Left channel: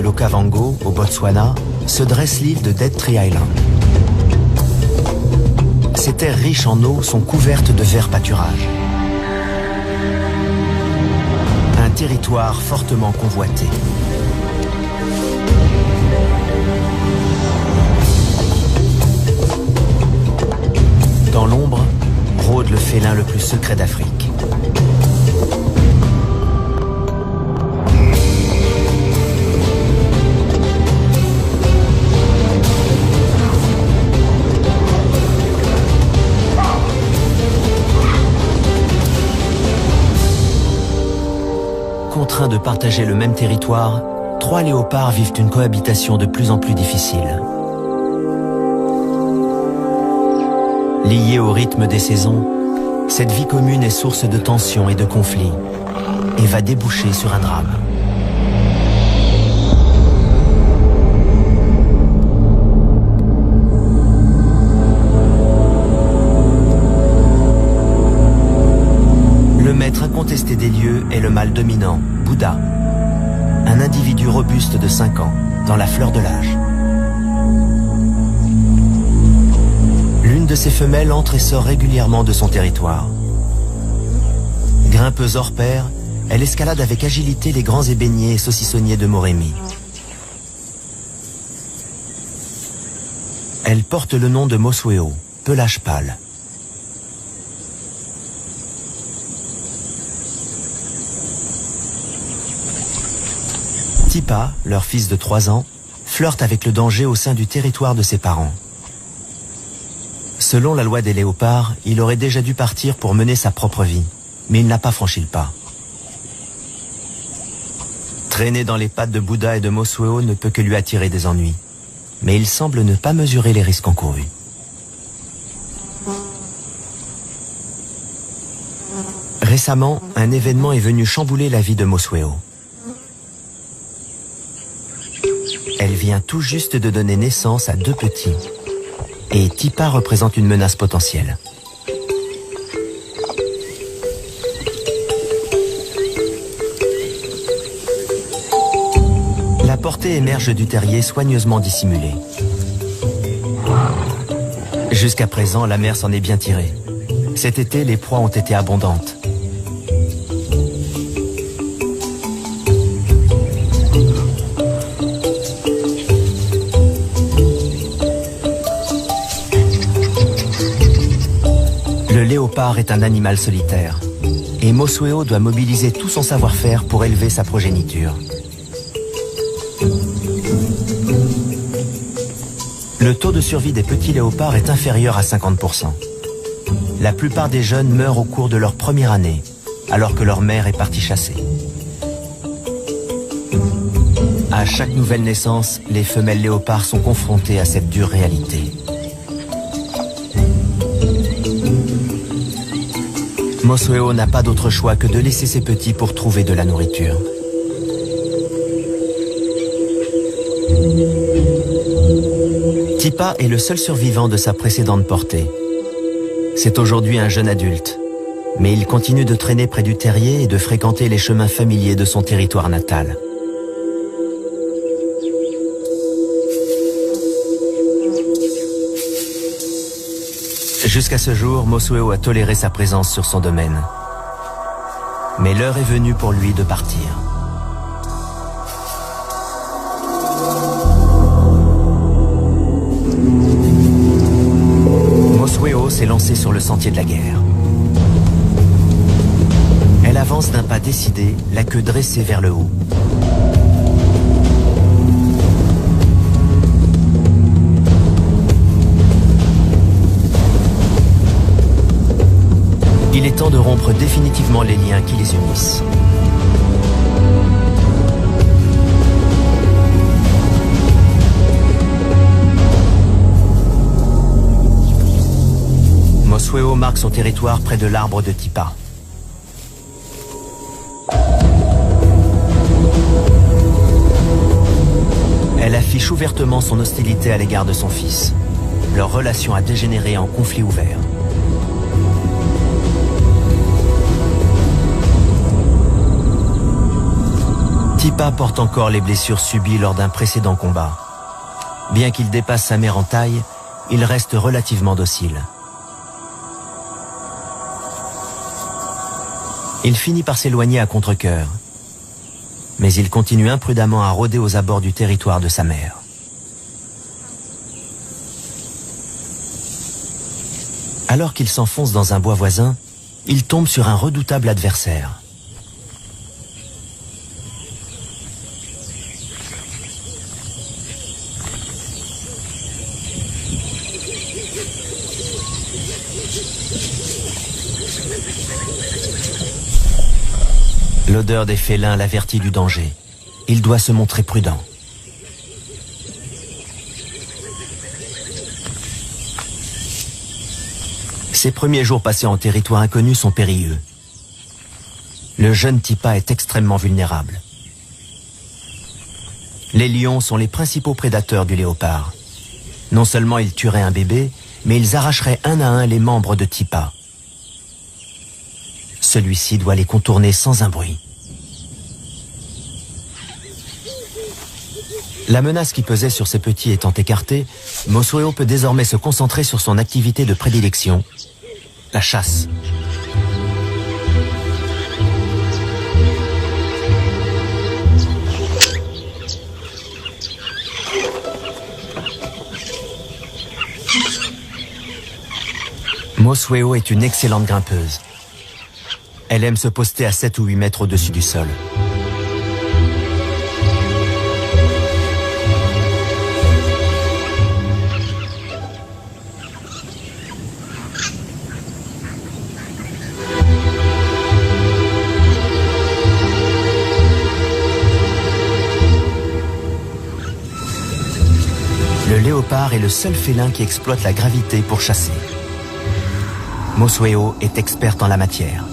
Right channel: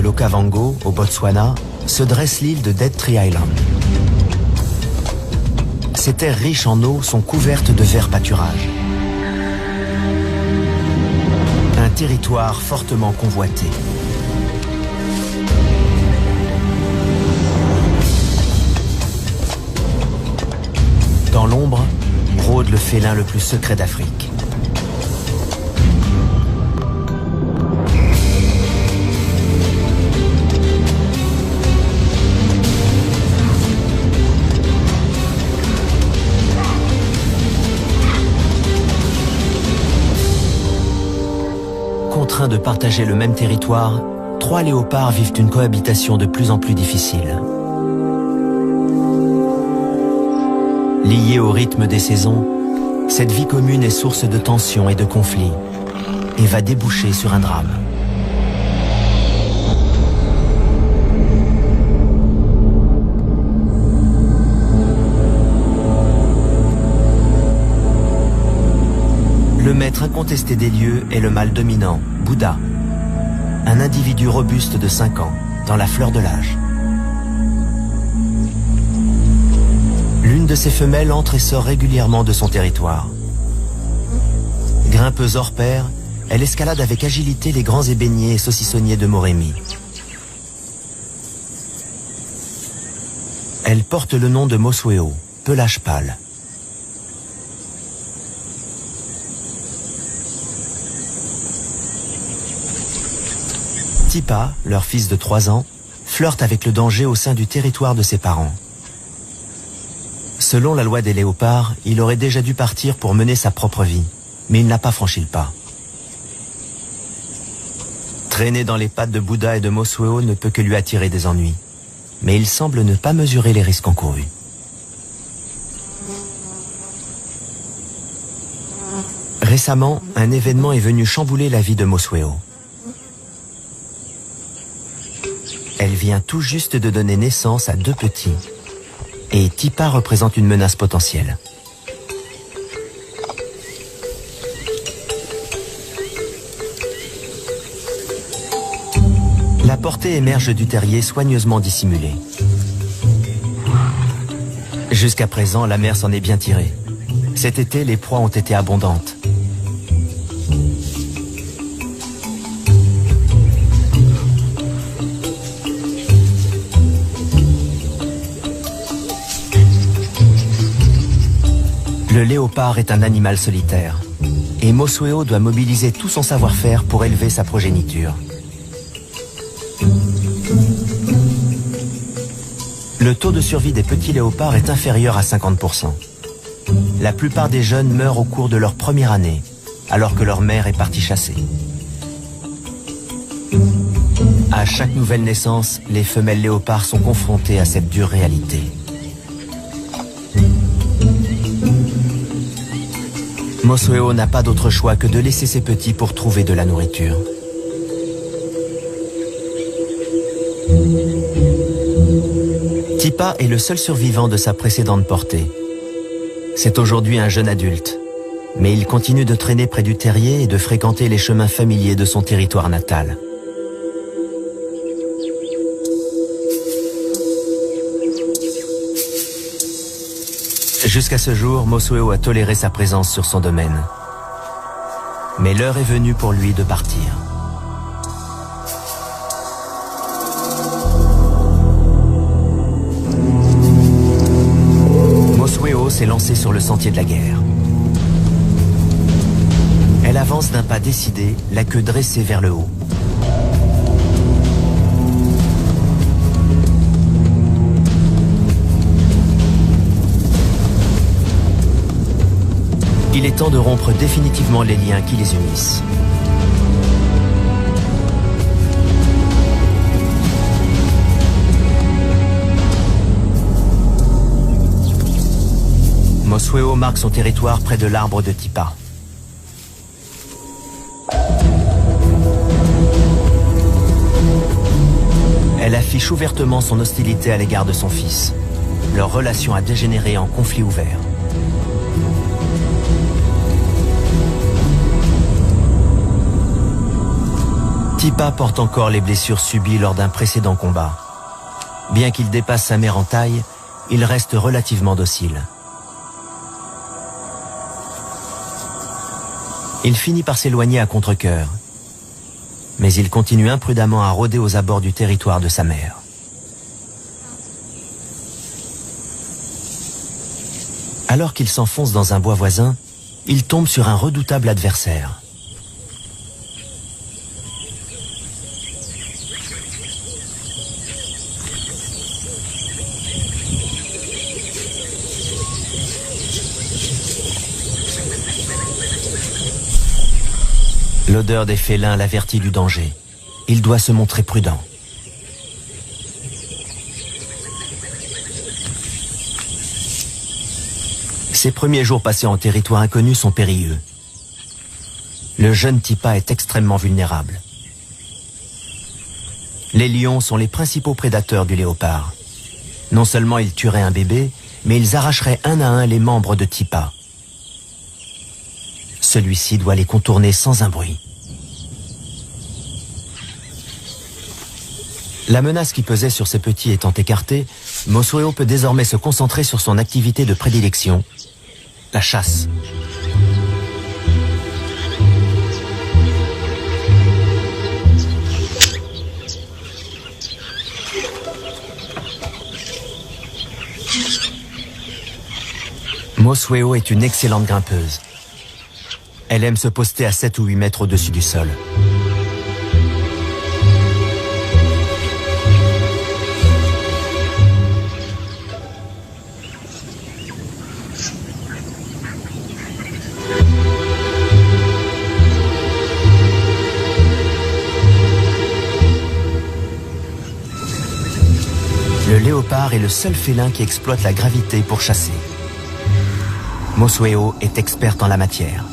de l'Okavango, au Botswana, se dresse l'île de Dead Tree Island. Ces terres riches en eau sont couvertes de verts pâturages. Un territoire fortement convoité. Dans l'ombre, rôde le félin le plus secret d'Afrique. Contraints de partager le même territoire, 3 léopards vivent une cohabitation de plus en plus difficile. Liée au rythme des saisons, cette vie commune est source de tensions et de conflits et va déboucher sur un drame. Le maître incontesté des lieux est le mâle dominant, Bouddha, un individu robuste de 5 ans, dans la fleur de l'âge. L'une de ses femelles entre et sort régulièrement de son territoire. Grimpeuse hors pair, elle escalade avec agilité les grands ébéniers et saucissonniers de Moremi. Elle porte le nom de Mosweo, pelage pâle. Tipa, leur fils de 3 ans, flirte avec le danger au sein du territoire de ses parents. Selon la loi des léopards, il aurait déjà dû partir pour mener sa propre vie, mais il n'a pas franchi le pas. Traîner dans les pattes de Bouddha et de Mosweo ne peut que lui attirer des ennuis, mais il semble ne pas mesurer les risques encourus. Récemment, un événement est venu chambouler la vie de Mosweo. Elle vient tout juste de donner naissance à 2 petits. Et Tipa représente une menace potentielle. La portée émerge du terrier soigneusement dissimulée. Jusqu'à présent, la mère s'en est bien tirée. Cet été, les proies ont été abondantes. Le léopard est un animal solitaire, et Mosweo doit mobiliser tout son savoir-faire pour élever sa progéniture. Le taux de survie des petits léopards est inférieur à 50%. La plupart des jeunes meurent au cours de leur première année, alors que leur mère est partie chasser. À chaque nouvelle naissance, les femelles léopards sont confrontées à cette dure réalité. Mosweo n'a pas d'autre choix que de laisser ses petits pour trouver de la nourriture. Tipa est le seul survivant de sa précédente portée. C'est aujourd'hui un jeune adulte, mais il continue de traîner près du terrier et de fréquenter les chemins familiers de son territoire natal. Jusqu'à ce jour, Mosweo a toléré sa présence sur son domaine. Mais l'heure est venue pour lui de partir. Mosweo s'est lancée sur le sentier de la guerre. Elle avance d'un pas décidé, la queue dressée vers le haut. Il est temps de rompre définitivement les liens qui les unissent. Mosweo marque son territoire près de l'arbre de Tipa. Elle affiche ouvertement son hostilité à l'égard de son fils. Leur relation a dégénéré en conflit ouvert. Tipa porte encore les blessures subies lors d'un précédent combat. Bien qu'il dépasse sa mère en taille, il reste relativement docile. Il finit par s'éloigner à contre-cœur, mais il continue imprudemment à rôder aux abords du territoire de sa mère. Alors qu'il s'enfonce dans un bois voisin, il tombe sur un redoutable adversaire. L'odeur des félins l'avertit du danger. Il doit se montrer prudent. Ses premiers jours passés en territoire inconnu sont périlleux. Le jeune Tipa est extrêmement vulnérable. Les lions sont les principaux prédateurs du léopard. Non seulement ils tueraient un bébé, mais ils arracheraient un à un les membres de Tipa. Celui-ci doit les contourner sans un bruit. La menace qui pesait sur ses petits étant écartée, Mosweo peut désormais se concentrer sur son activité de prédilection, la chasse. Mosweo est une excellente grimpeuse. Elle aime se poster à 7 ou 8 mètres au-dessus du sol. Le léopard est le seul félin qui exploite la gravité pour chasser. Mosweo est experte en la matière.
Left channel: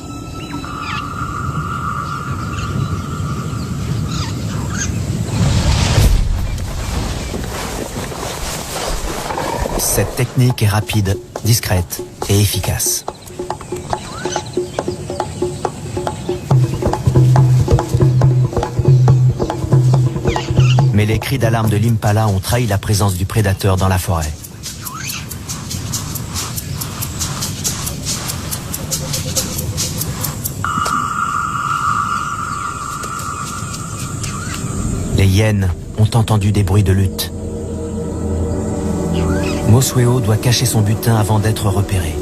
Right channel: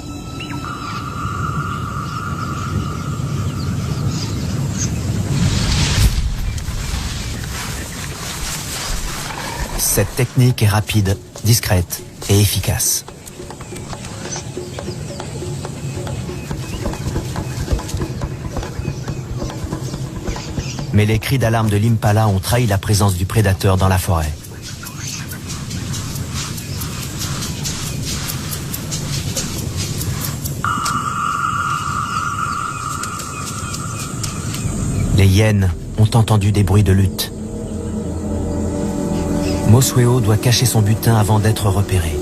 Cette technique est rapide, discrète et efficace. Mais les cris d'alarme de l'impala ont trahi la présence du prédateur dans la forêt. Les hyènes ont entendu des bruits de lutte. Mosweo doit cacher son butin avant d'être repéré.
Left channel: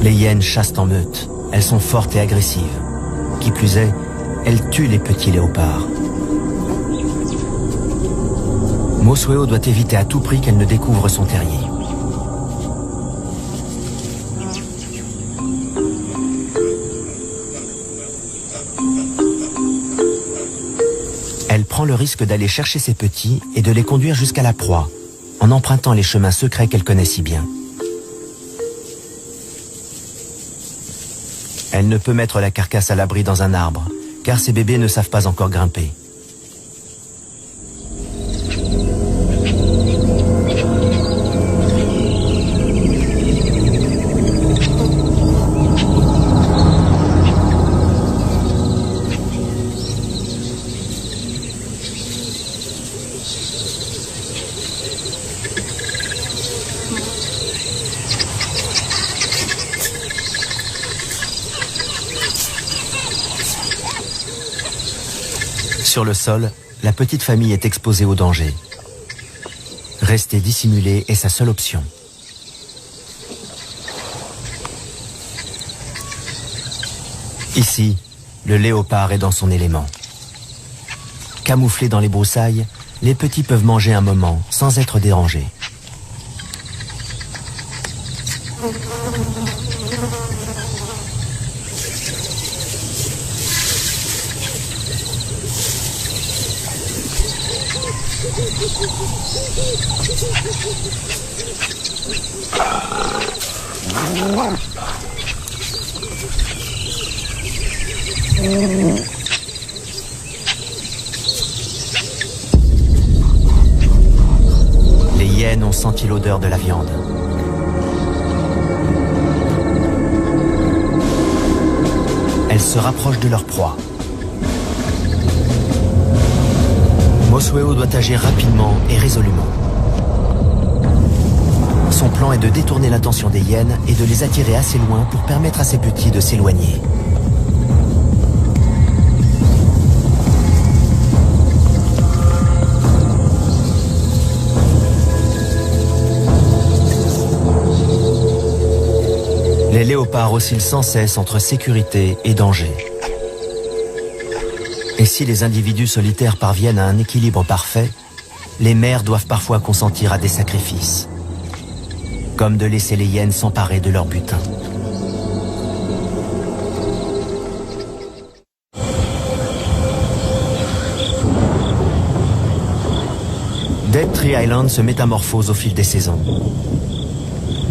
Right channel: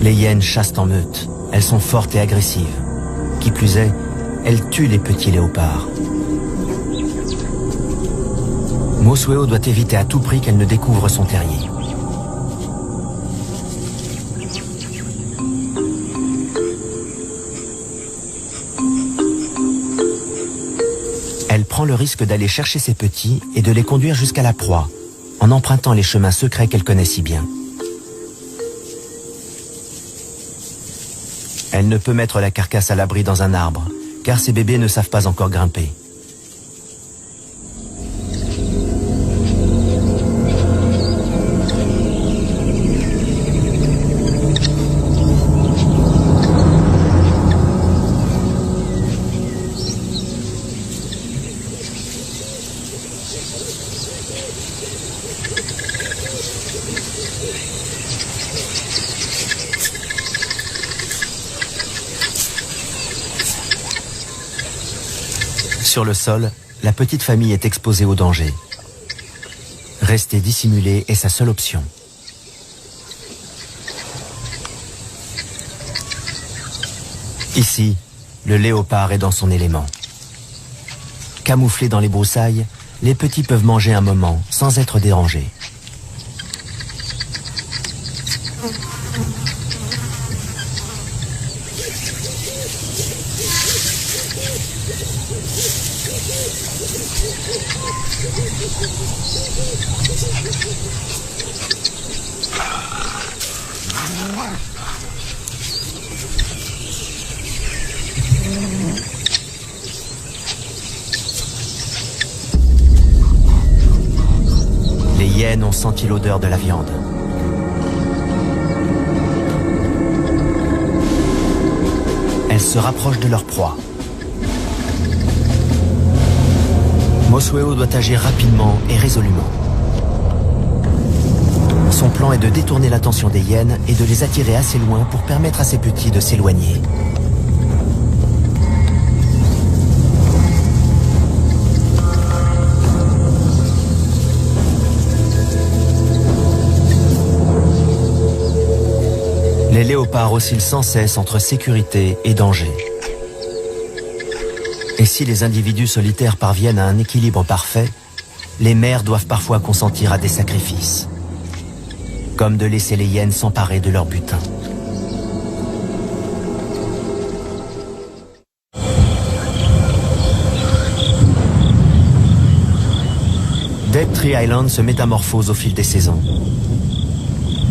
Les hyènes chassent en meute. Elles sont fortes et agressives. Qui plus est, elles tuent les petits léopards. Mosweo doit éviter à tout prix qu'elle ne découvre son terrier. Elle prend le risque d'aller chercher ses petits et de les conduire jusqu'à la proie, en empruntant les chemins secrets qu'elle connaît si bien. Elle ne peut mettre la carcasse à l'abri dans un arbre, car ses bébés ne savent pas encore grimper. Sur le sol, la petite famille est exposée au danger. Rester dissimulé est sa seule option. Ici, le léopard est dans son élément. Camouflés dans les broussailles, les petits peuvent manger un moment sans être dérangés. Les hyènes ont senti l'odeur de la viande. Elles se rapprochent de leur proie. Mosueo doit agir rapidement et résolument. Son plan est de détourner l'attention des hyènes et de les attirer assez loin pour permettre à ses petits de s'éloigner. Les léopards oscillent sans cesse entre sécurité et danger. Et si les individus solitaires parviennent à un équilibre parfait, les mères doivent parfois consentir à des sacrifices, comme de laisser les hyènes s'emparer de leur butin. Dead Tree Island se métamorphose au fil des saisons.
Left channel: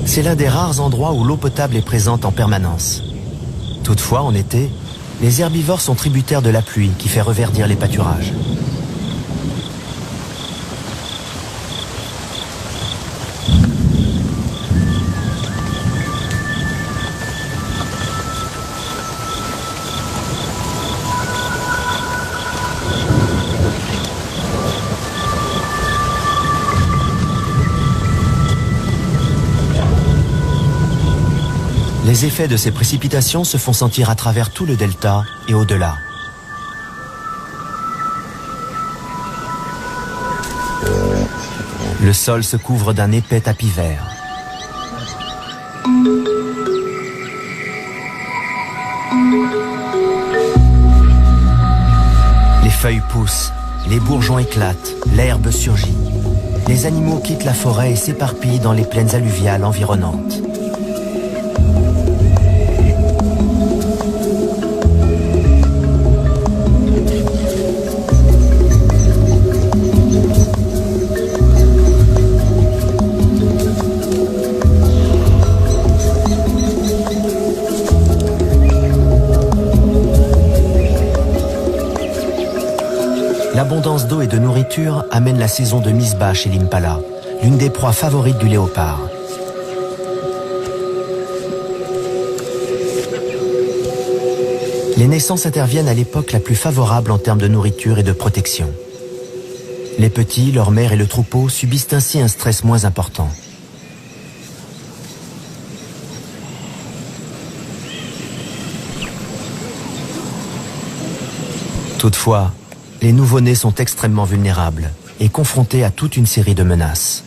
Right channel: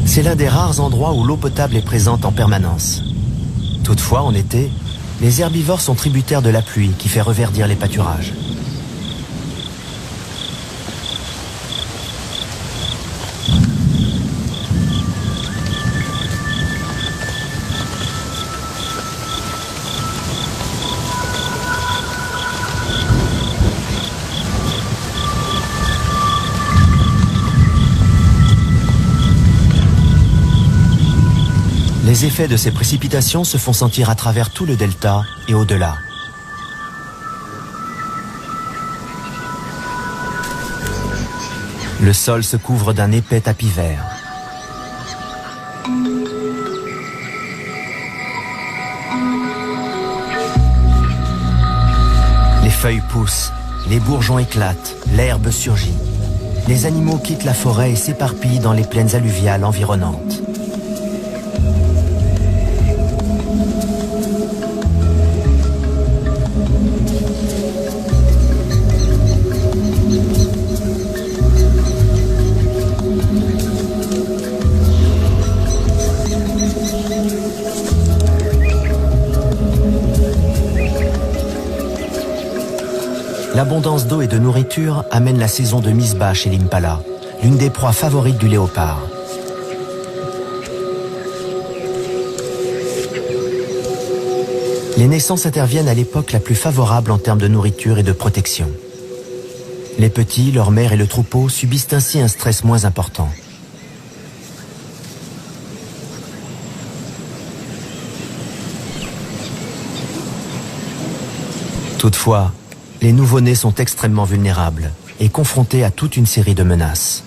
C'est l'un des rares endroits où l'eau potable est présente en permanence. Toutefois, en été, les herbivores sont tributaires de la pluie qui fait reverdir les pâturages. Les effets de ces précipitations se font sentir à travers tout le delta et au-delà. Le sol se couvre d'un épais tapis vert. Les feuilles poussent, les bourgeons éclatent, l'herbe surgit. Les animaux quittent la forêt et s'éparpillent dans les plaines alluviales environnantes. L'abondance d'eau et de nourriture amène la saison de mise bas chez l'impala, l'une des proies favorites du léopard. Les naissances interviennent à l'époque la plus favorable en termes de nourriture et de protection. Les petits, leur mère et le troupeau subissent ainsi un stress moins important. Toutefois, les nouveau-nés sont extrêmement vulnérables et confrontés à toute une série de menaces.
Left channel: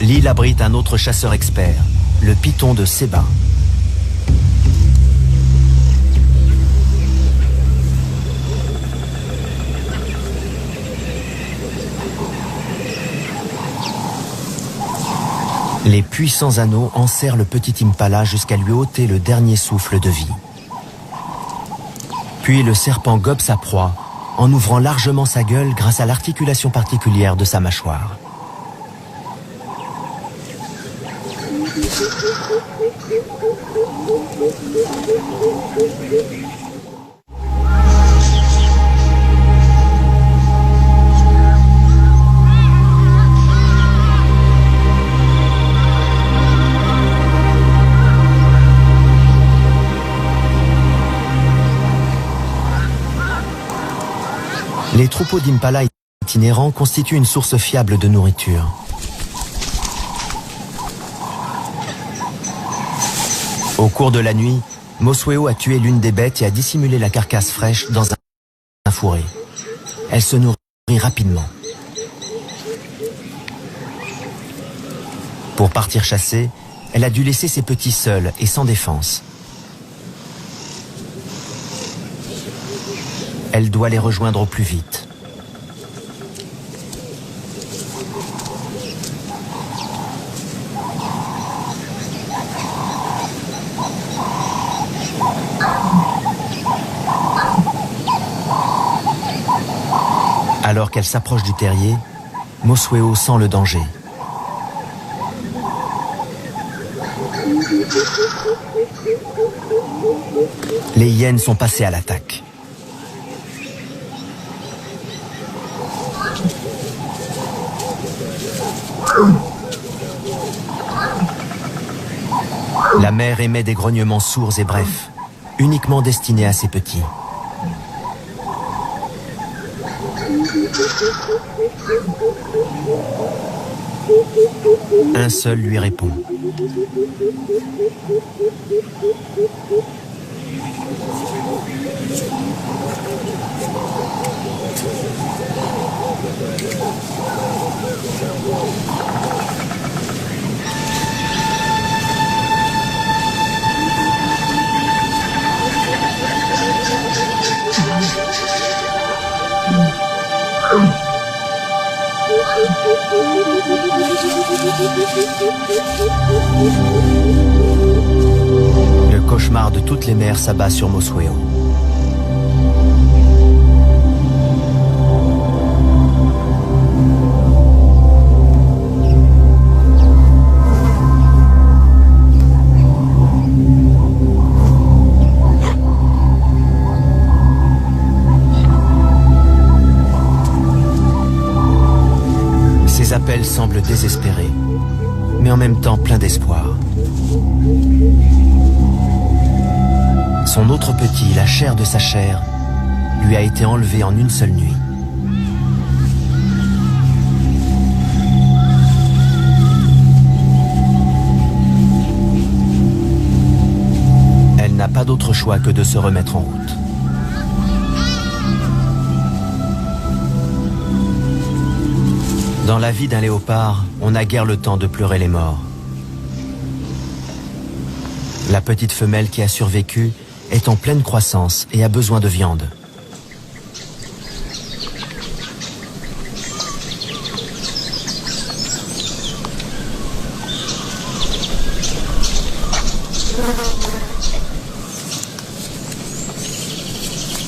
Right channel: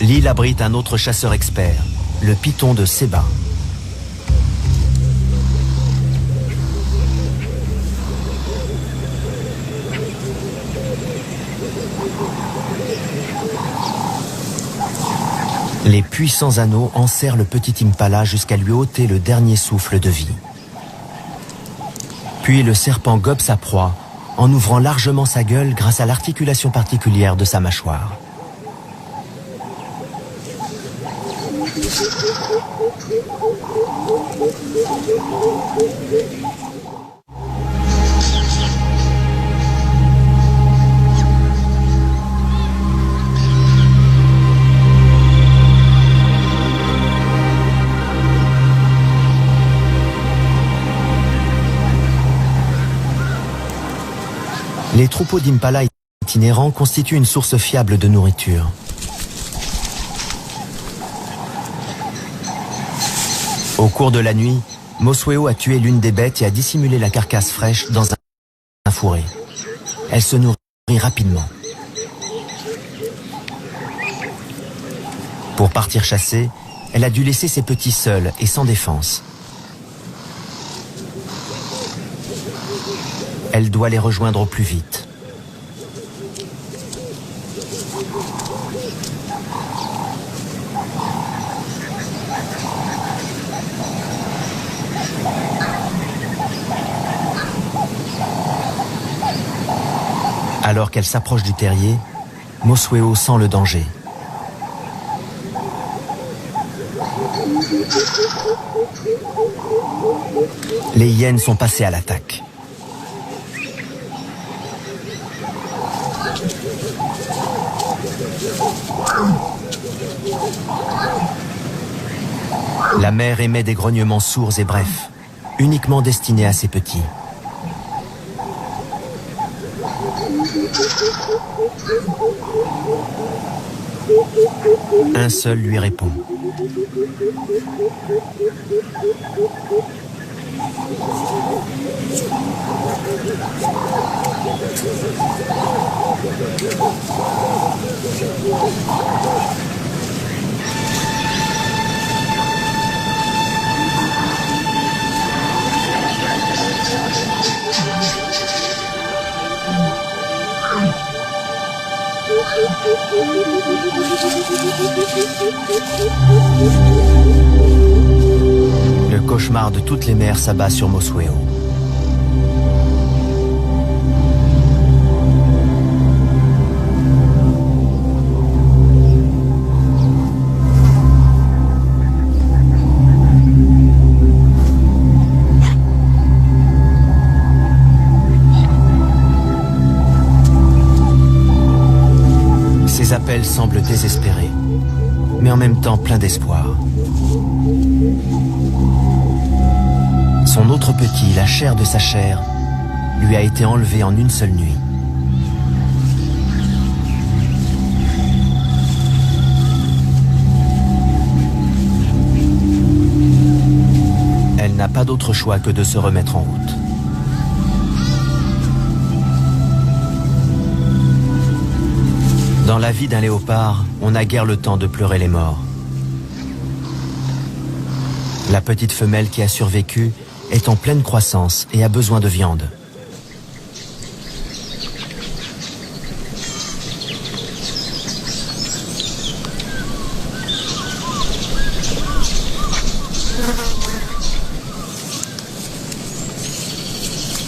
L'île abrite un autre chasseur expert, le python de Seba. Les puissants anneaux enserrent le petit impala jusqu'à lui ôter le dernier souffle de vie. Puis le serpent gobe sa proie en ouvrant largement sa gueule grâce à l'articulation particulière de sa mâchoire. Les troupeaux d'impala itinérants constituent une source fiable de nourriture. Au cours de la nuit, Mosueo a tué l'une des bêtes et a dissimulé la carcasse fraîche dans un fourré. Elle se nourrit rapidement. Pour partir chasser, elle a dû laisser ses petits seuls et sans défense. Elle doit les rejoindre au plus vite. Alors qu'elle s'approche du terrier, Mosueo sent le danger. Les hyènes sont passées à l'attaque. La mère émet des grognements sourds et brefs. uniquement destiné à ses petits. Un seul lui répond. Le cauchemar de toutes les mères s'abat sur Mosueo. Ses appels semblent désespérés, mais en même temps pleins d'espoir. Son autre petit, la chair de sa chair, lui a été enlevé en une seule nuit. Elle n'a pas d'autre choix que de se remettre en route. Dans la vie d'un léopard, on n'a guère le temps de pleurer les morts. La petite femelle qui a survécu est en pleine croissance et a besoin de viande.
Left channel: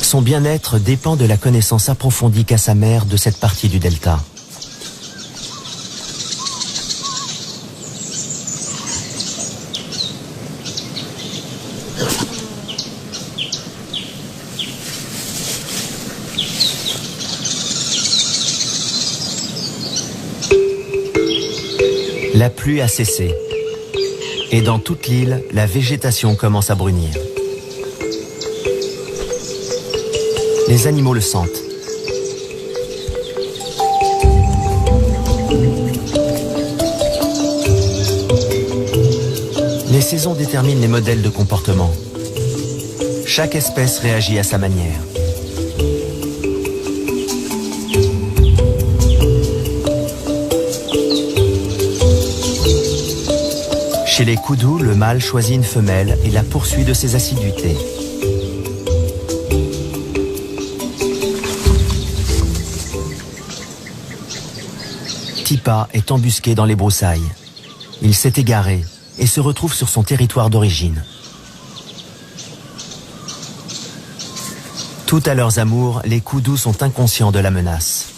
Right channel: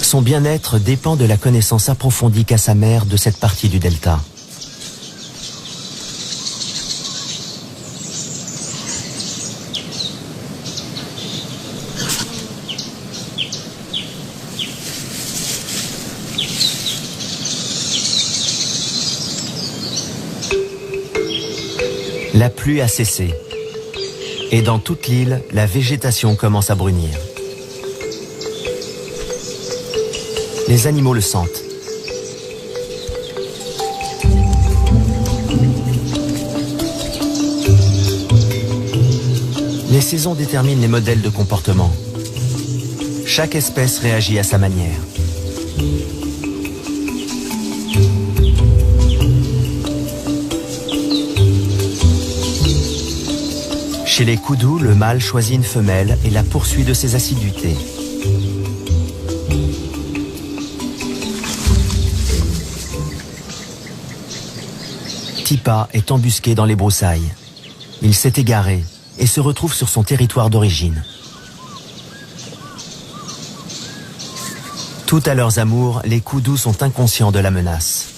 Son bien-être dépend de la connaissance approfondie qu'a sa mère de cette partie du delta. La pluie a cessé, et dans toute l'île, la végétation commence à brunir. Les animaux le sentent. Les saisons déterminent les modèles de comportement. Chaque espèce réagit à sa manière. Chez les koudous, le mâle choisit une femelle et la poursuit de ses assiduités. Tipa est embusqué dans les broussailles. Il s'est égaré et se retrouve sur son territoire d'origine. Tout à leurs amours, les koudous sont inconscients de la menace.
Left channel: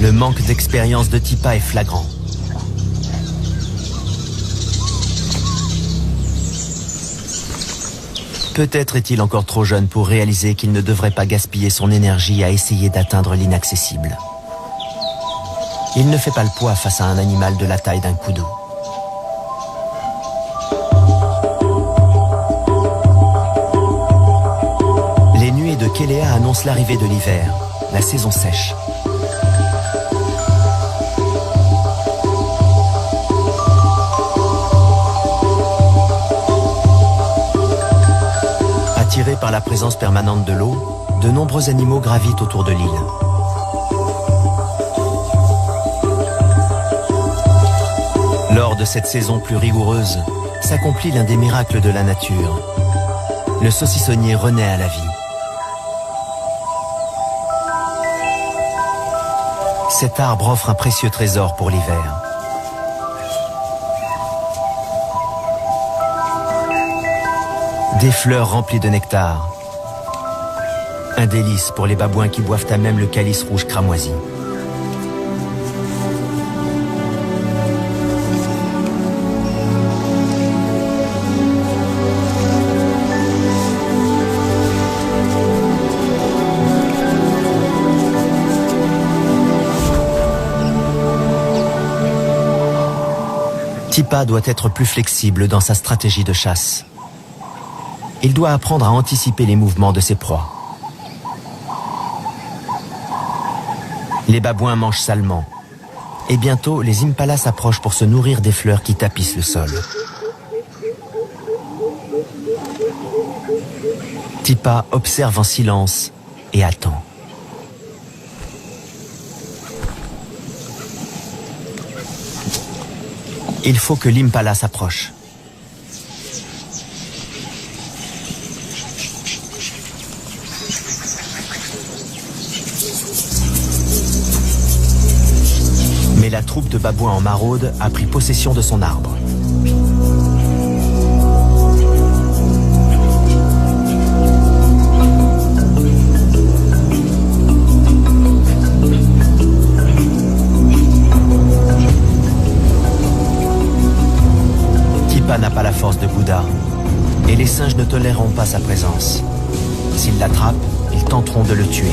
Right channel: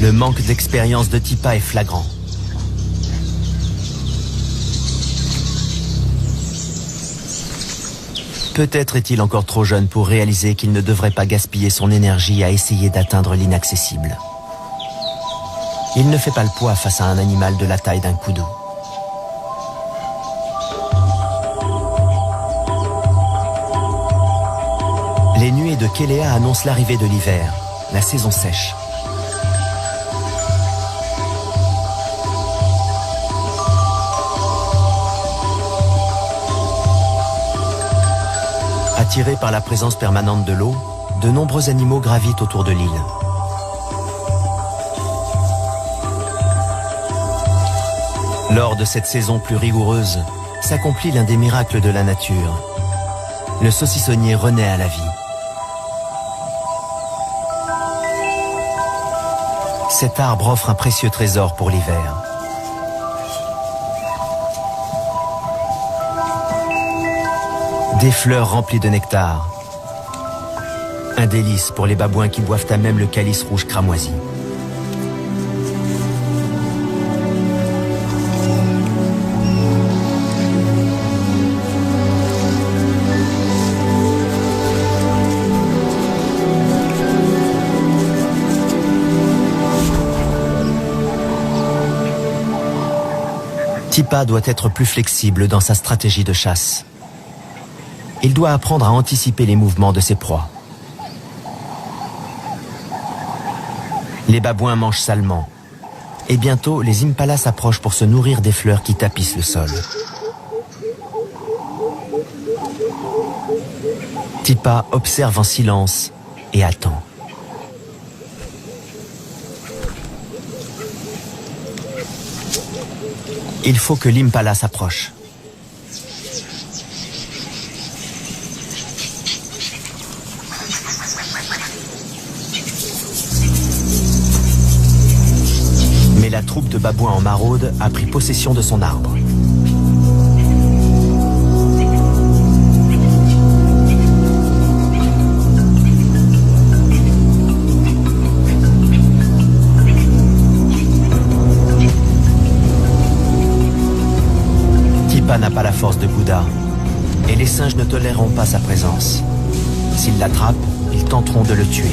Le manque d'expérience de Tipa est flagrant. Peut-être est-il encore trop jeune pour réaliser qu'il ne devrait pas gaspiller son énergie à essayer d'atteindre l'inaccessible. Il ne fait pas le poids face à un animal de la taille d'un koudou. Les nuées de Kelea annoncent l'arrivée de l'hiver, la saison sèche. Attirés par la présence permanente de l'eau, de nombreux animaux gravitent autour de l'île. Lors de cette saison plus rigoureuse, s'accomplit l'un des miracles de la nature. Le saucissonnier renaît à la vie. Cet arbre offre un précieux trésor pour l'hiver. Des fleurs remplies de nectar. Un délice pour les babouins qui boivent à même le calice rouge cramoisi. Tipa doit être plus flexible dans sa stratégie de chasse. Il doit apprendre à anticiper les mouvements de ses proies. Les babouins mangent salement. Et bientôt, les impalas s'approchent pour se nourrir des fleurs qui tapissent le sol. Tipa observe en silence et attend. Il faut que l'impala s'approche. Mais la troupe de babouins en maraude a pris possession de son arbre. Tipa n'a pas la force de Bouddha, et les singes ne toléreront pas sa présence. S'ils l'attrapent, ils tenteront de le tuer.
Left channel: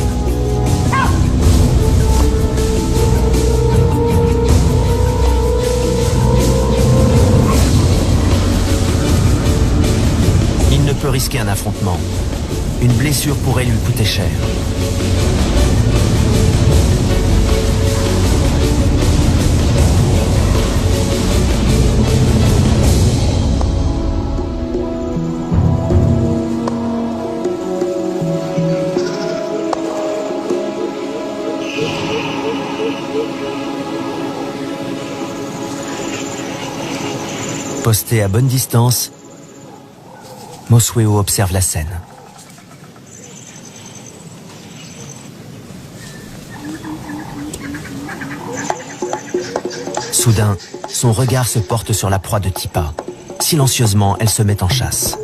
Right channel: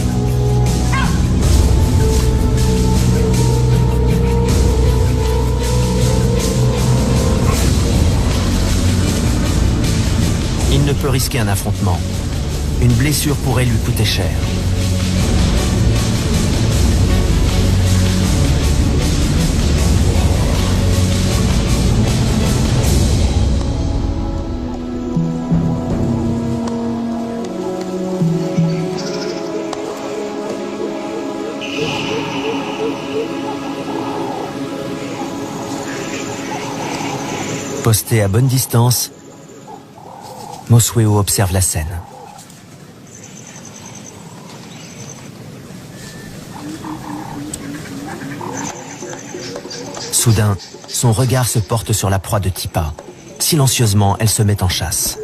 Il ne peut risquer un affrontement. Une blessure pourrait lui coûter cher. Posté à bonne distance, Mosweo observe la scène. Soudain, son regard se porte sur la proie de Tipa. Silencieusement, elle se met en chasse.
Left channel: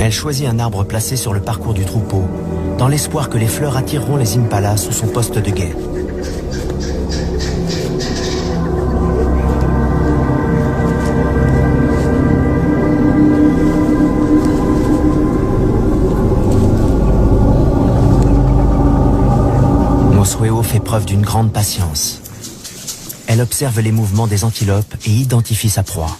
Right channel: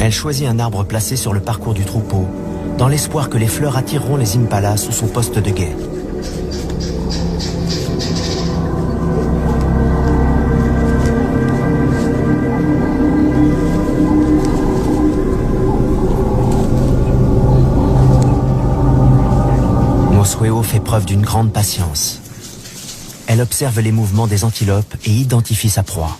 Elle choisit un arbre placé sur le parcours du troupeau, dans l'espoir que les fleurs attireront les impalas sous son poste de guet. Mosweo fait preuve d'une grande patience. Elle observe les mouvements des antilopes et identifie sa proie.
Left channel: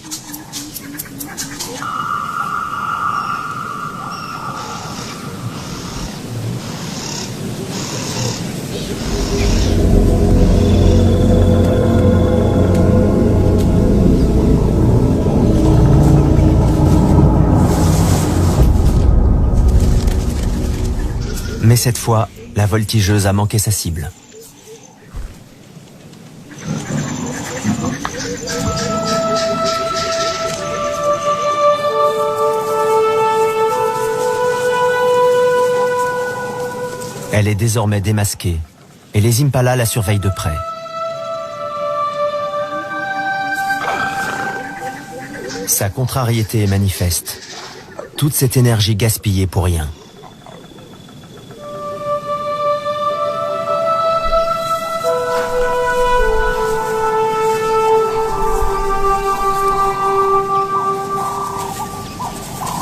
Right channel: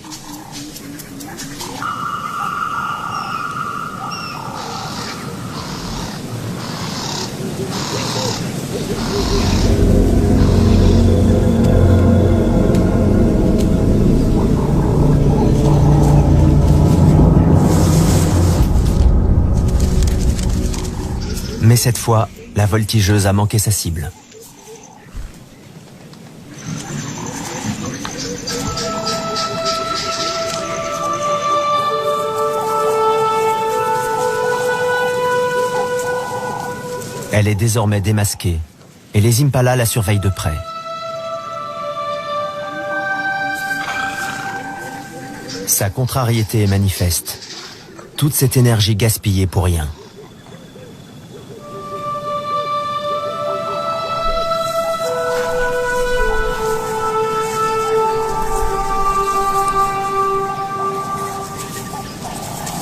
Mais cette fois, la voltigeuse a manqué sa cible. Elle est désormais démasquée et les impalas la surveillent de près. Sa contrariété est manifeste. Toute cette énergie gaspillée pour rien.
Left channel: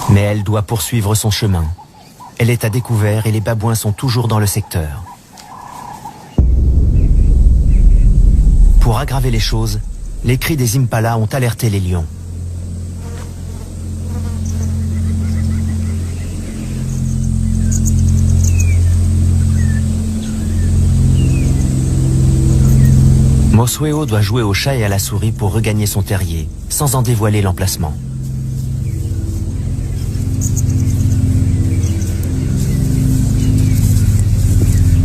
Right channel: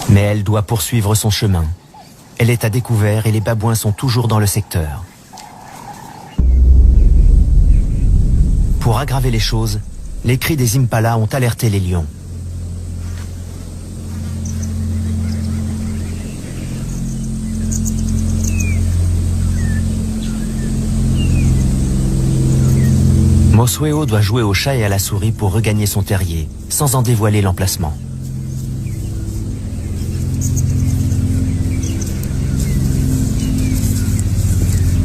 Mais elle doit poursuivre son chemin. Elle est à découvert et les babouins sont toujours dans le secteur. Pour aggraver les choses, les cris des impalas ont alerté les lions. Mosweo doit jouer au chat et à la souris pour regagner son terrier, sans en dévoiler l'emplacement.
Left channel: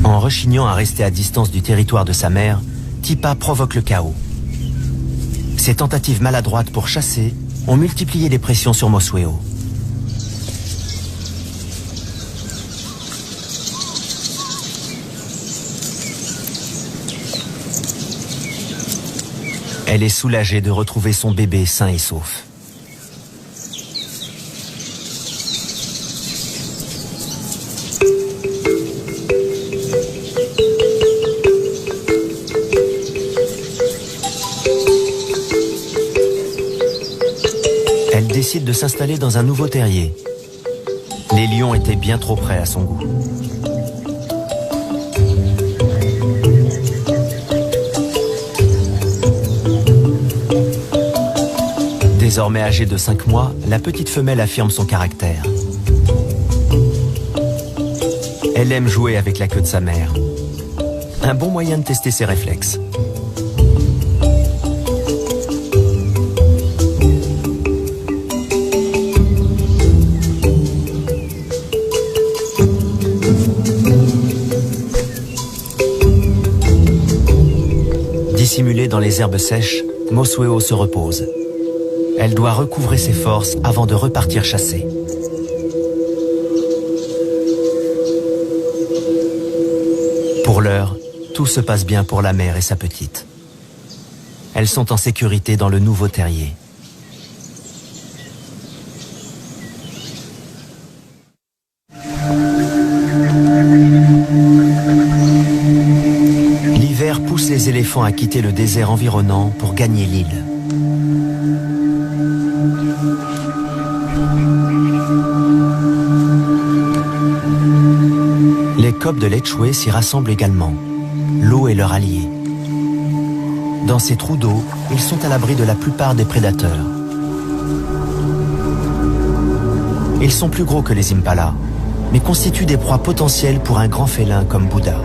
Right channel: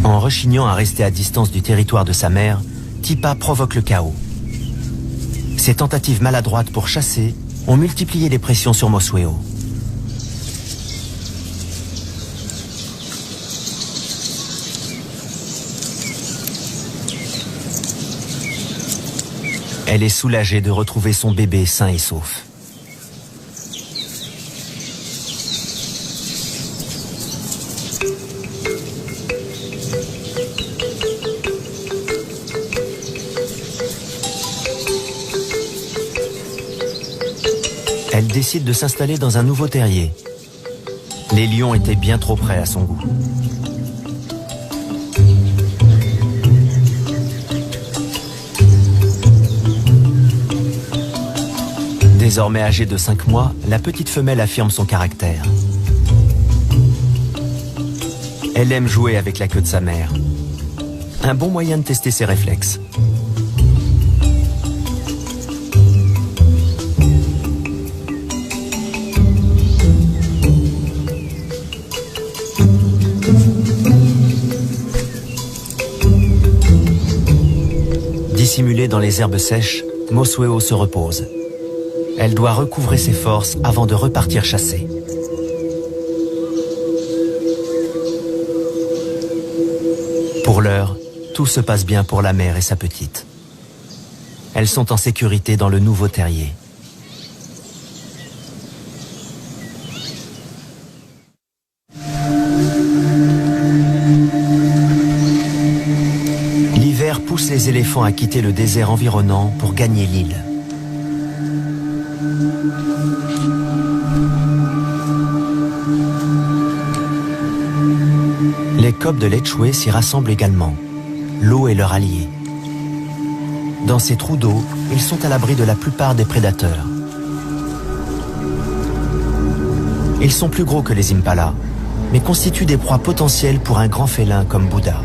En rechignant à rester à distance du territoire de sa mère, Tipa provoque le chaos. Ses tentatives maladroites pour chasser ont multiplié les pressions sur Mosweo. Elle est soulagée de retrouver son bébé sain et sauf. Elle décide de s'installer dans un nouveau terrier. Les lions étaient bien trop près à son goût. Désormais âgée de 5 mois, la petite femelle affirme son caractère. Elle aime jouer avec la queue de sa mère. Un bon moyen de tester ses réflexes. Dissimulée dans les herbes sèches, Mosueo se repose. Elle doit recouvrer ses forces avant de repartir chasser. Pour l'heure, tout se passe bien pour la mère et sa petite. Elles sont en sécurité dans le nouveau terrier. L'hiver pousse les éléphants à quitter le désert environnant pour gagner l'île. Les coqs de Lechwe s'y rassemblent également. L'eau est leur allié. Dans ces trous d'eau, ils sont à l'abri de la plupart des prédateurs. Ils sont plus gros que les impalas, mais constituent des proies potentielles pour un grand félin comme Bouddha.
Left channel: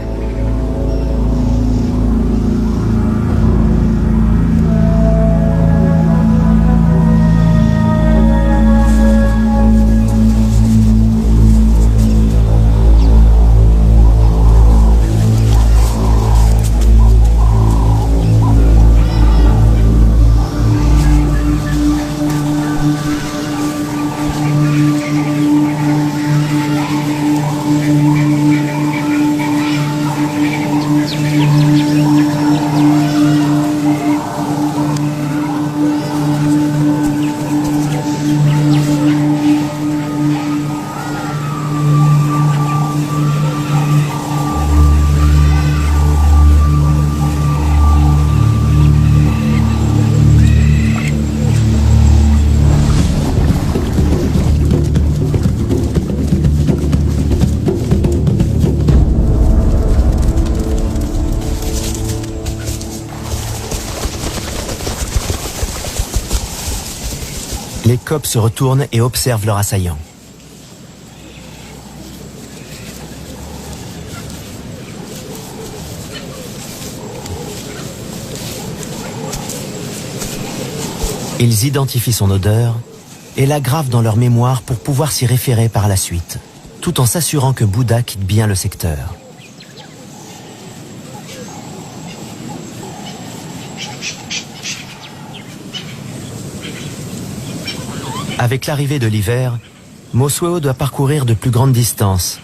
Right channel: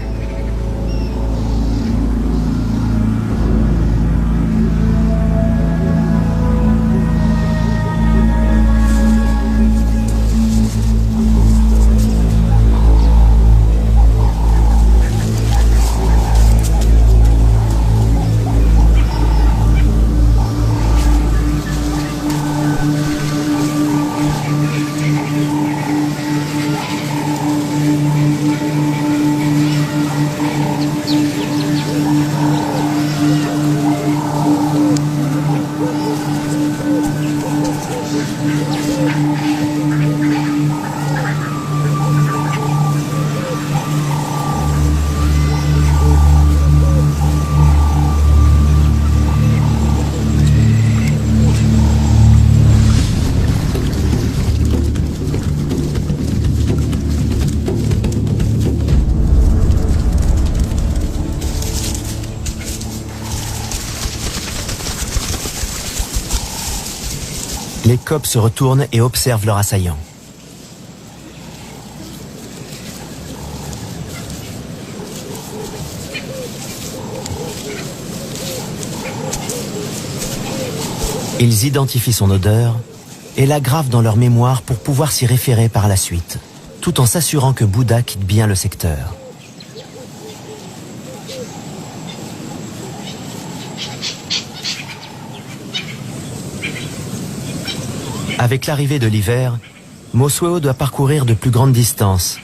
Les coqs se retournent et observent leur assaillant. Ils identifient son odeur et la gravent dans leur mémoire pour pouvoir s'y référer par la suite, tout en s'assurant que Bouddha quitte bien le secteur. Avec l'arrivée de l'hiver, Mosueo doit parcourir de plus grandes distances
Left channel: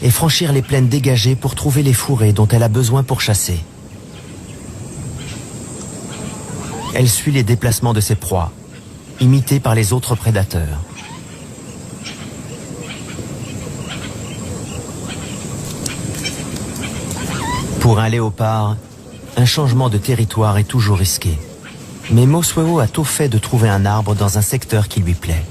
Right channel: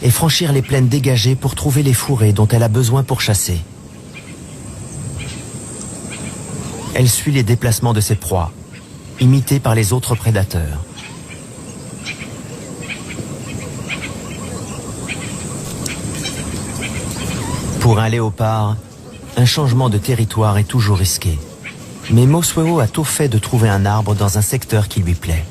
et franchir les plaines dégagées pour trouver les fourrés dont elle a besoin pour chasser. Elle suit les déplacements de ses proies, imitées par les autres prédateurs. Pour un léopard, un changement de territoire est toujours risqué. Mais Mosueo a tôt fait de trouver un arbre dans un secteur qui lui plaît.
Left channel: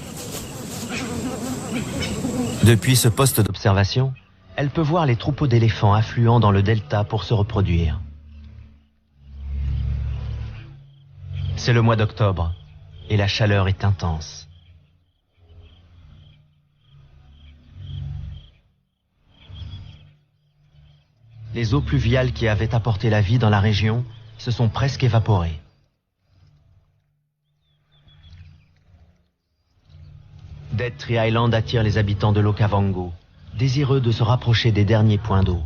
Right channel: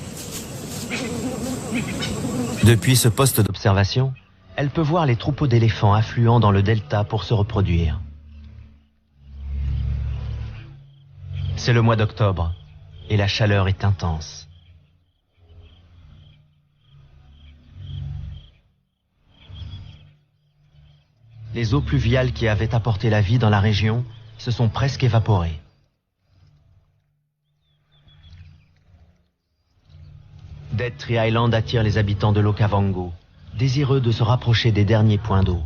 Depuis ce poste d'observation, elle peut voir les troupeaux d'éléphants affluant dans le delta pour se reproduire. C'est le mois d'octobre et la chaleur est intense. Les eaux pluviales qui avaient apporté la vie dans la région se sont presque évaporées. Dead Tree Island attire les habitants de l'Okavango, désireux de se rapprocher des derniers points d'eau.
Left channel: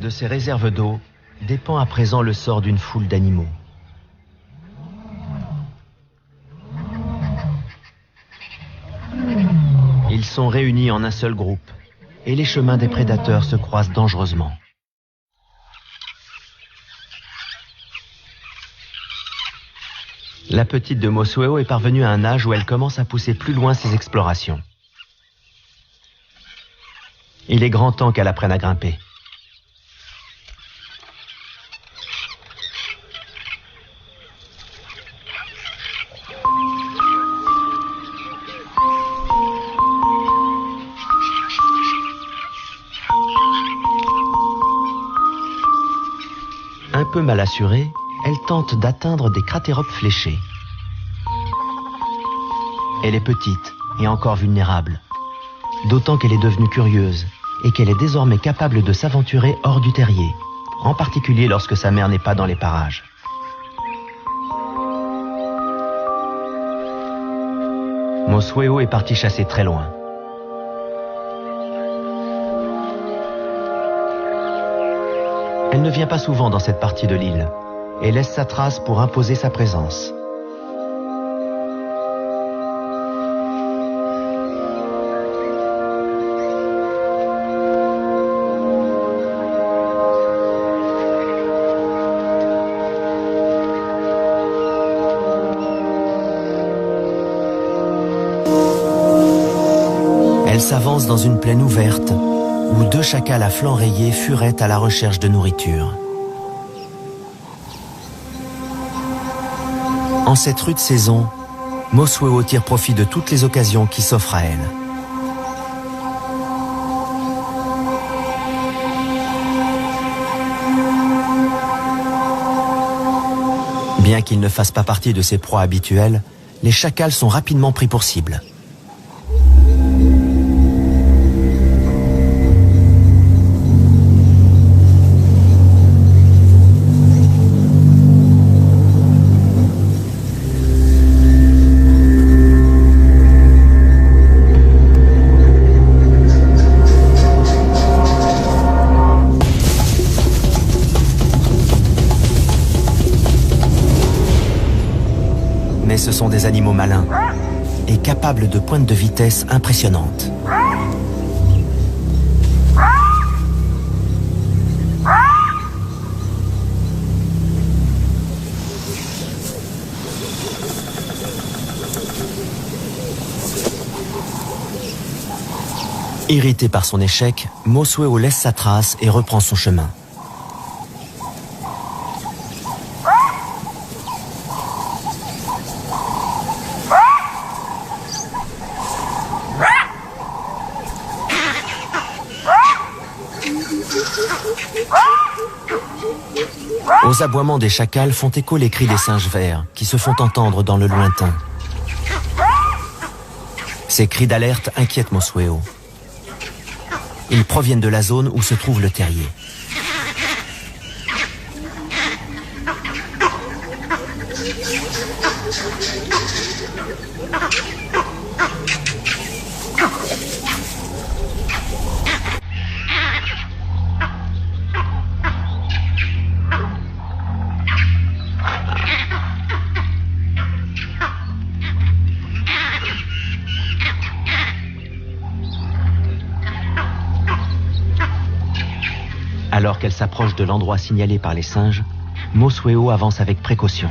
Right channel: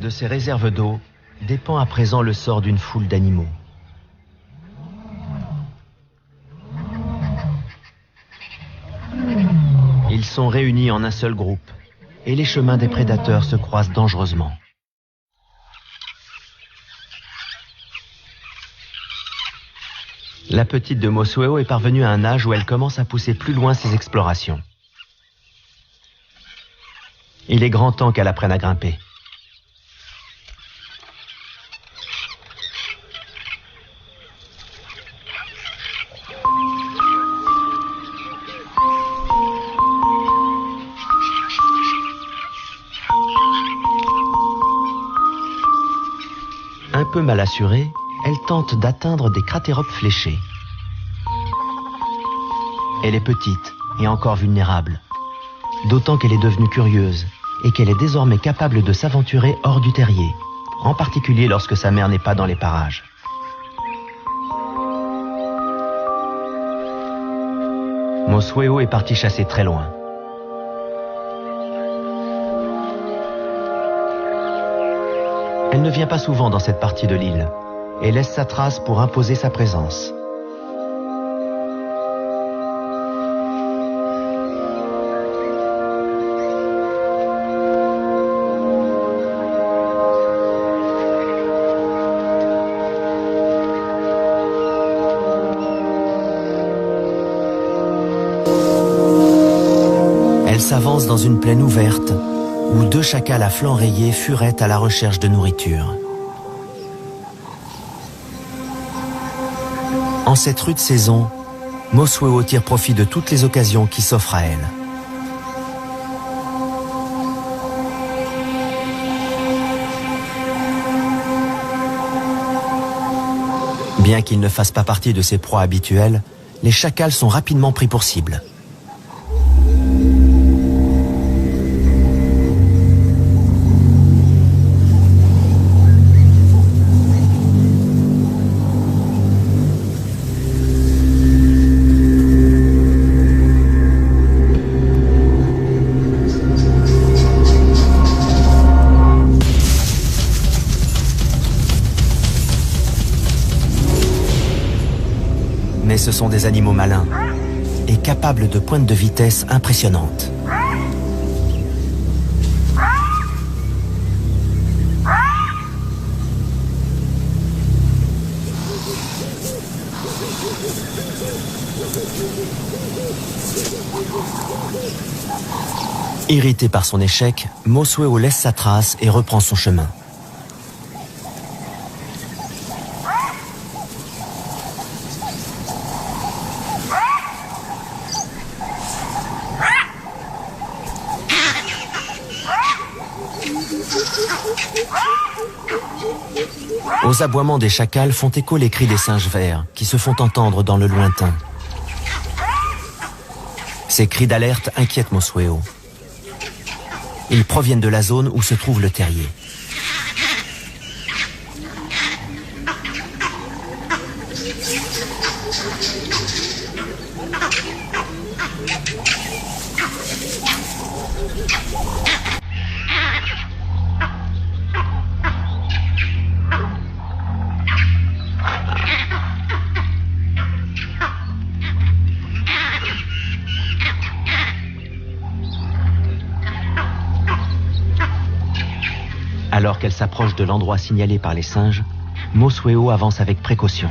De ces réserves d'eau dépend à présent le sort d'une foule d'animaux. Ils sont réunis en un seul groupe et les chemins des prédateurs se croisent dangereusement. La petite de Mosueo est parvenue à un âge où elle commence à pousser plus loin ses explorations. Il est grand temps qu'elle apprenne à grimper. Un peu mal assurée, elle tente d'atteindre des cratéropes fléchés. Elle est petite et encore vulnérable, d'autant qu'elle est devenue curieuse et qu'elle est désormais capable de s'aventurer hors du terrier, en particulier lorsque sa mère n'est pas dans les parages. Mosueo est partie chasser très loin. Elle ne vient pas souvent dans cette partie de l'île et laisse sa trace pour imposer sa présence. Elle s'avance dans une plaine ouverte où 2 chacals à flancs rayés furettent à la recherche de nourriture. En cette rude saison, Mosueo tire profit de toutes les occasions qui s'offrent à elle. Bien qu'ils ne fassent pas partie de ses proies habituelles, les chacals sont rapidement pris pour cible. Mais ce sont des animaux malins et capables de pointes de vitesse impressionnantes. Irrité par son échec, Mosueo laisse sa trace et reprend son chemin. Aux aboiements des chacals font écho les cris des singes verts qui se font entendre dans le lointain. Ces cris d'alerte inquiètent Mosueo. Ils proviennent de la zone où se trouve le terrier. Alors qu'elle s'approche de l'endroit signalé par les singes, Mosueo avance avec précaution.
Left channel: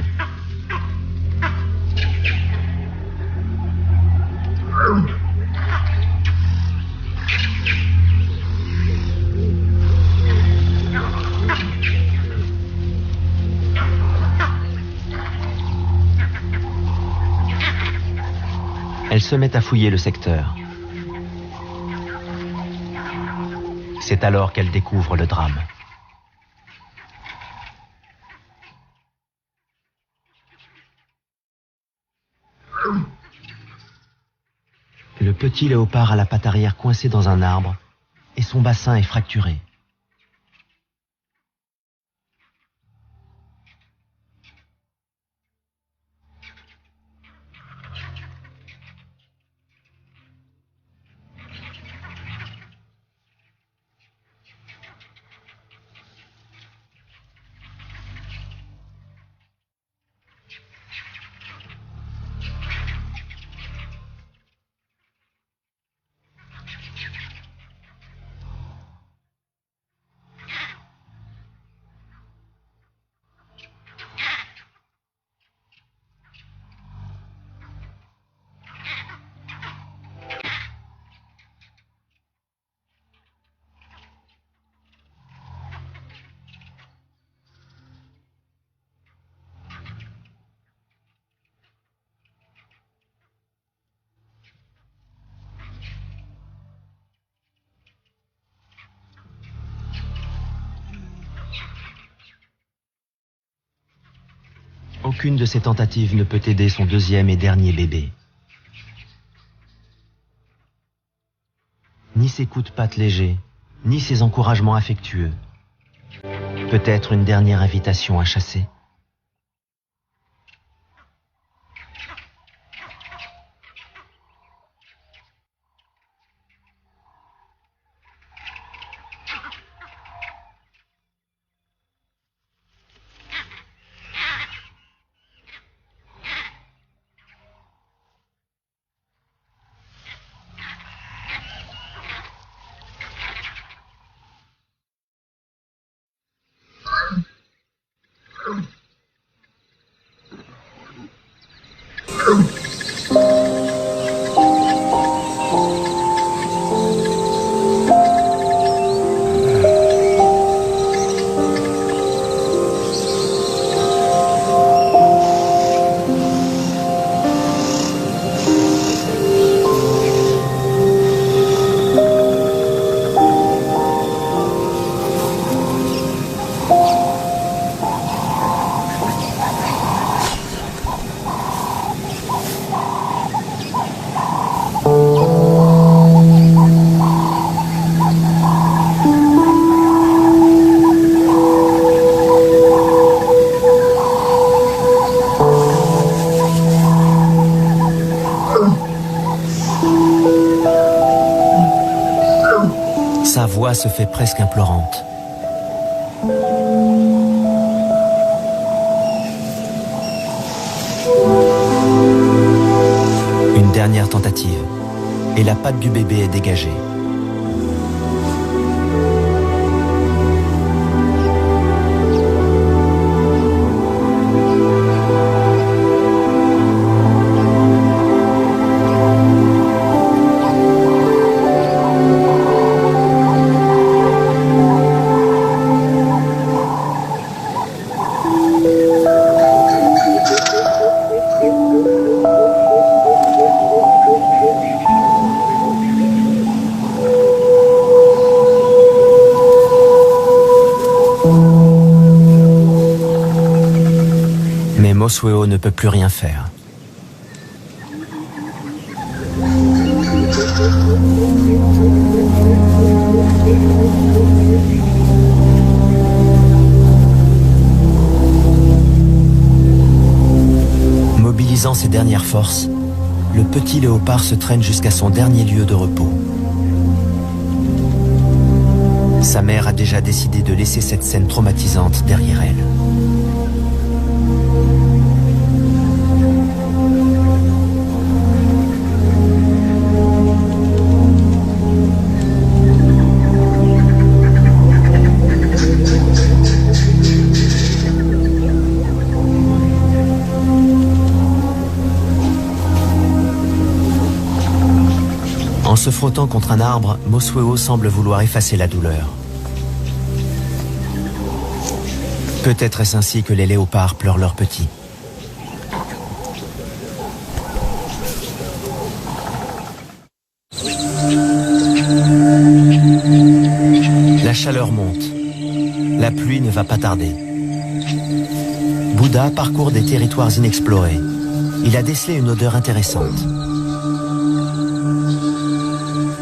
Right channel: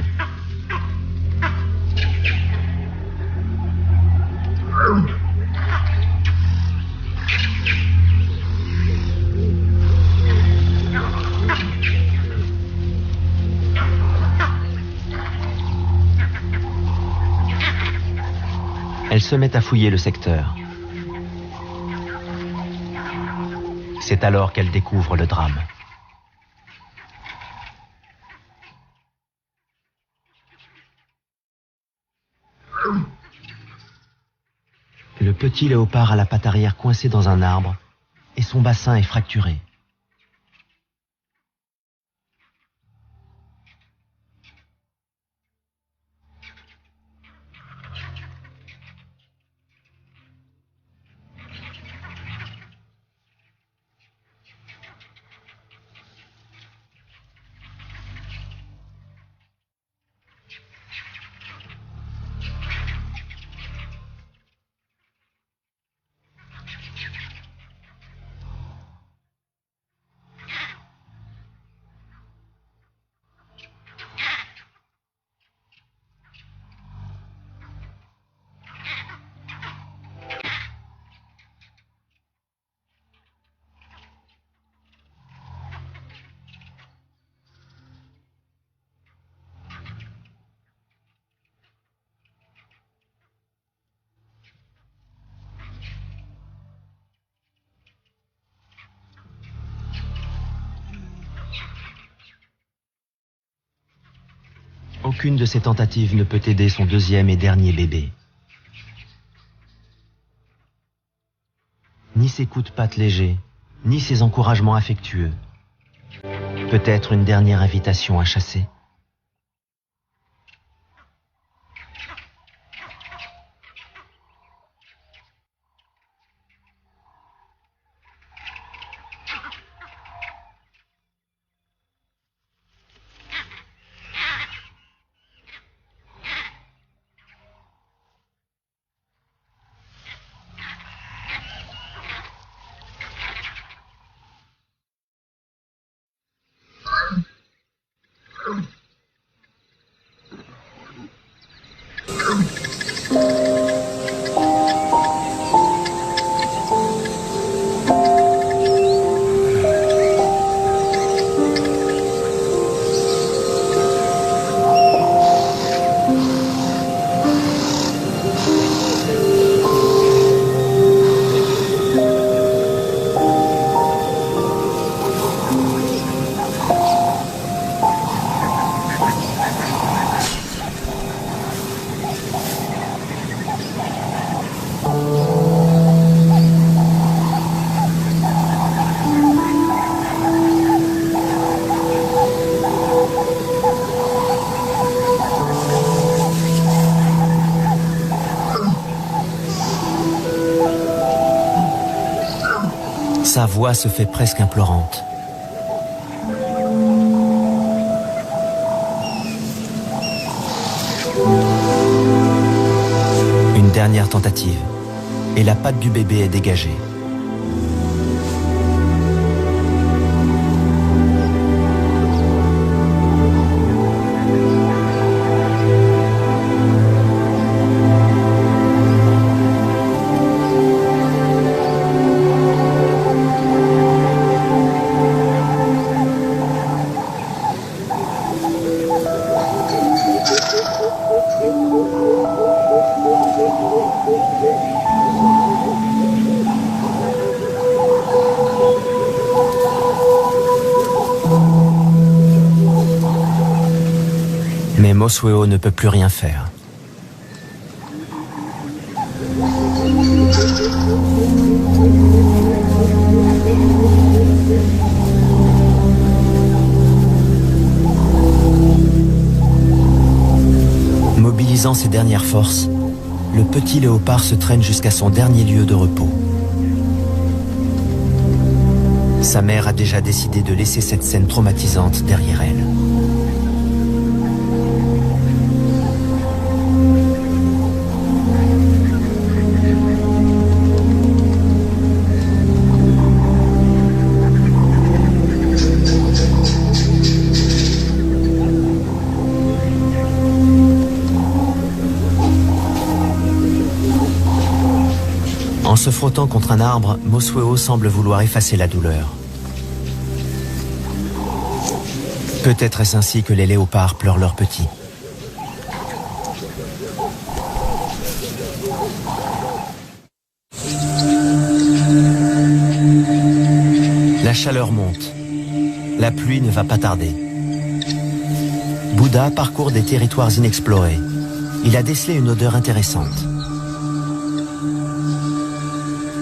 Elle se met à fouiller le secteur. C'est alors qu'elle découvre le drame. Le petit léopard a la patte arrière coincée dans un arbre et son bassin est fracturé. Aucune de ces tentatives ne peut aider son deuxième et dernier bébé. Ni ses coups de patte légers, ni ses encouragements affectueux. Peut-être une dernière invitation à chasser. Sa voix se fait presque implorante. Une dernière tentative, et la patte du bébé est dégagée. Mais Mosweo ne peut plus rien faire. Mobilisant ses dernières forces, le petit léopard se traîne jusqu'à son dernier lieu de repos. Sa mère a déjà décidé de laisser cette scène traumatisante derrière elle. En se frottant contre un arbre, Mosweo semble vouloir effacer la douleur. Peut-être est-ce ainsi que les léopards pleurent leurs petits. La chaleur monte. La pluie ne va pas tarder. Bouddha parcourt des territoires inexplorés. Il a décelé une odeur intéressante.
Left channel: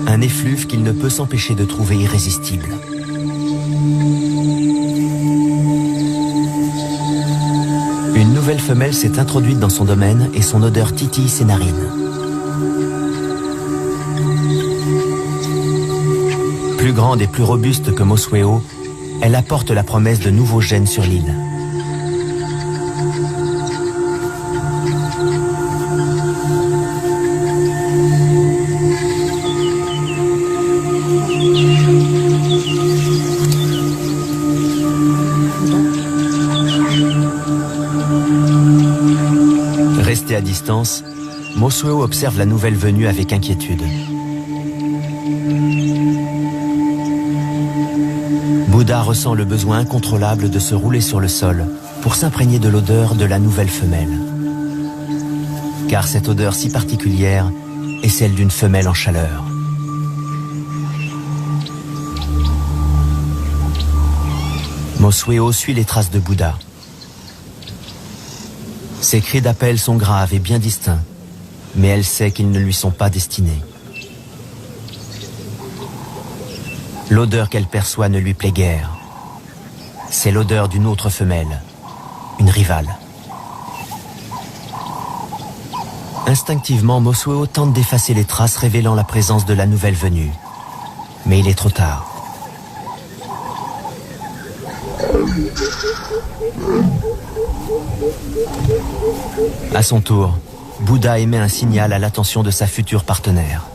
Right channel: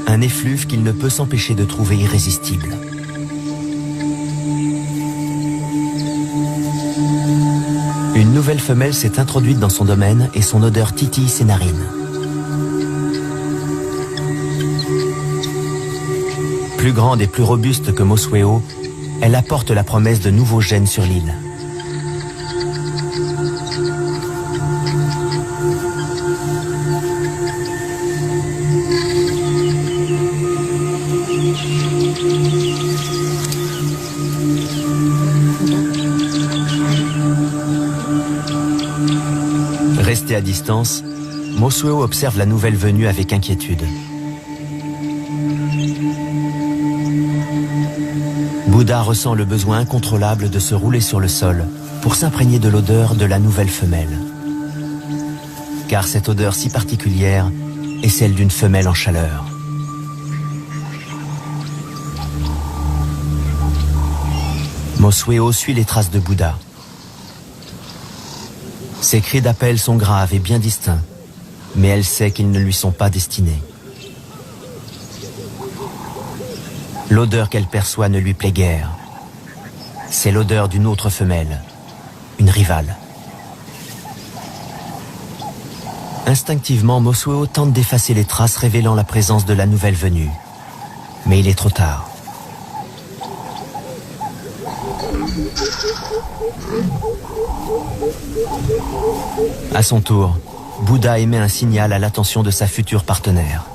Un effluve qu'il ne peut s'empêcher de trouver irrésistible. Une nouvelle femelle s'est introduite dans son domaine et son odeur titille ses narines. Plus grande et plus robuste que Mosweo, elle apporte la promesse de nouveaux gènes sur l'île. Resté à distance, Mosweo observe la nouvelle venue avec inquiétude. Bouddha ressent le besoin incontrôlable de se rouler sur le sol pour s'imprégner de l'odeur de la nouvelle femelle. Car cette odeur si particulière est celle d'une femelle en chaleur. Mosweo suit les traces de Bouddha. Ses cris d'appel sont graves et bien distincts, mais elle sait qu'ils ne lui sont pas destinés. L'odeur qu'elle perçoit ne lui plaît guère. C'est l'odeur d'une autre femelle, une rivale. Instinctivement, Mosuo tente d'effacer les traces révélant la présence de la nouvelle venue. Mais il est trop tard. À son tour, Bouddha émet un signal à l'attention de sa future partenaire.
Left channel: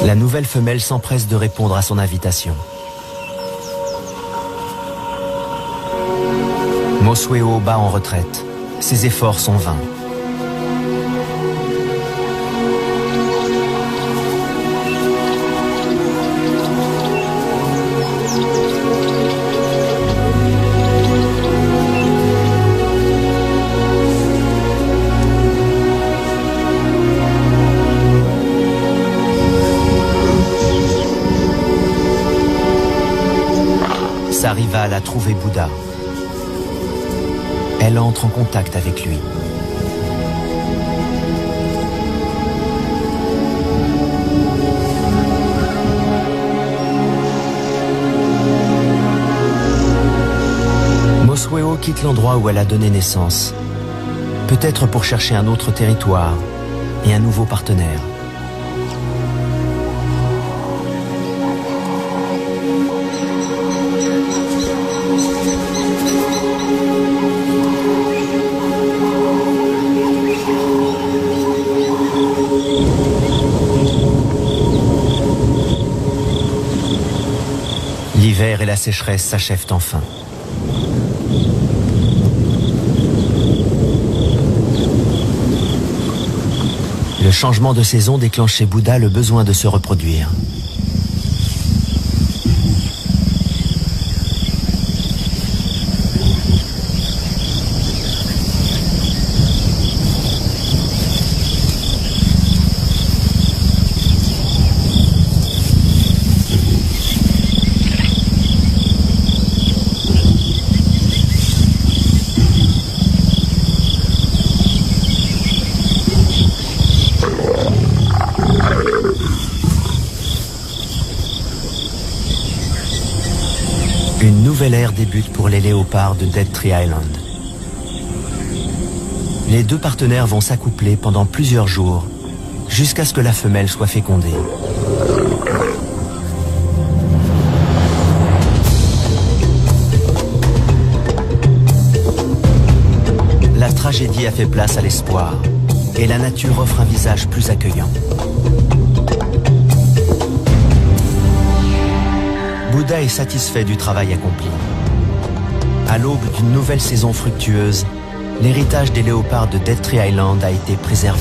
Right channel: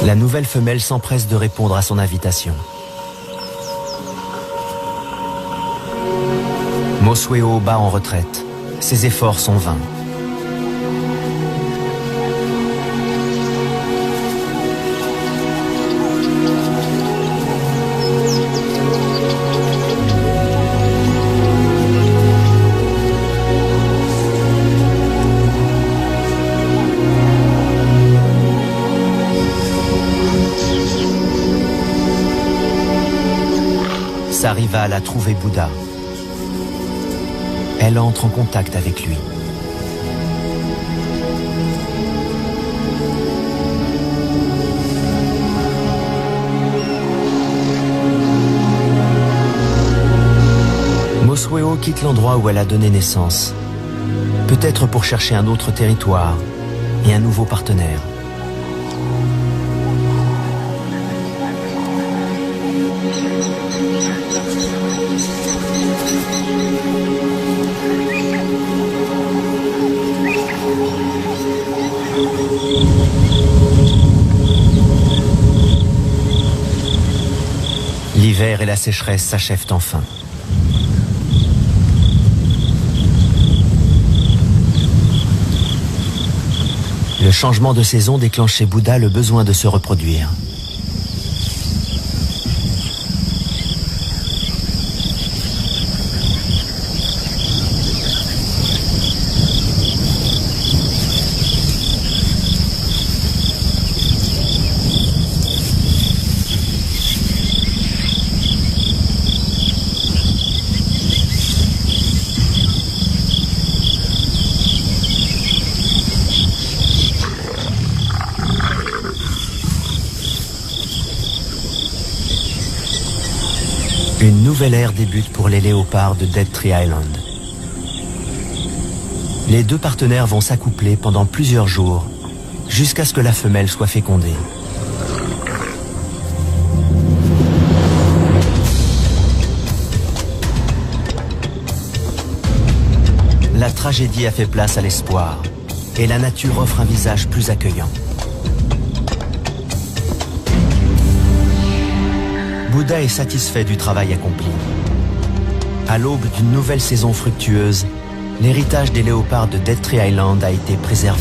La nouvelle femelle s'empresse de répondre à son invitation. Mosuo bat en retraite. Ses efforts sont vains. Sa rivale a trouvé Bouddha. Elle entre en contact avec lui. Mosuo quitte l'endroit où elle a donné naissance, peut-être pour chercher un autre territoire et un nouveau partenaire. L'hiver et la sécheresse s'achèvent enfin. Le changement de saison déclenche chez Bouddha le besoin de se reproduire. Une nouvelle ère débute pour les léopards de Dead Tree Island. Les deux partenaires vont s'accoupler pendant plusieurs jours, jusqu'à ce que la femelle soit fécondée. La tragédie a fait place à l'espoir, et la nature offre un visage plus accueillant. Bouddha est satisfait du travail accompli. À l'aube d'une nouvelle saison fructueuse, l'héritage des léopards de Dead Tree Island a été préservé.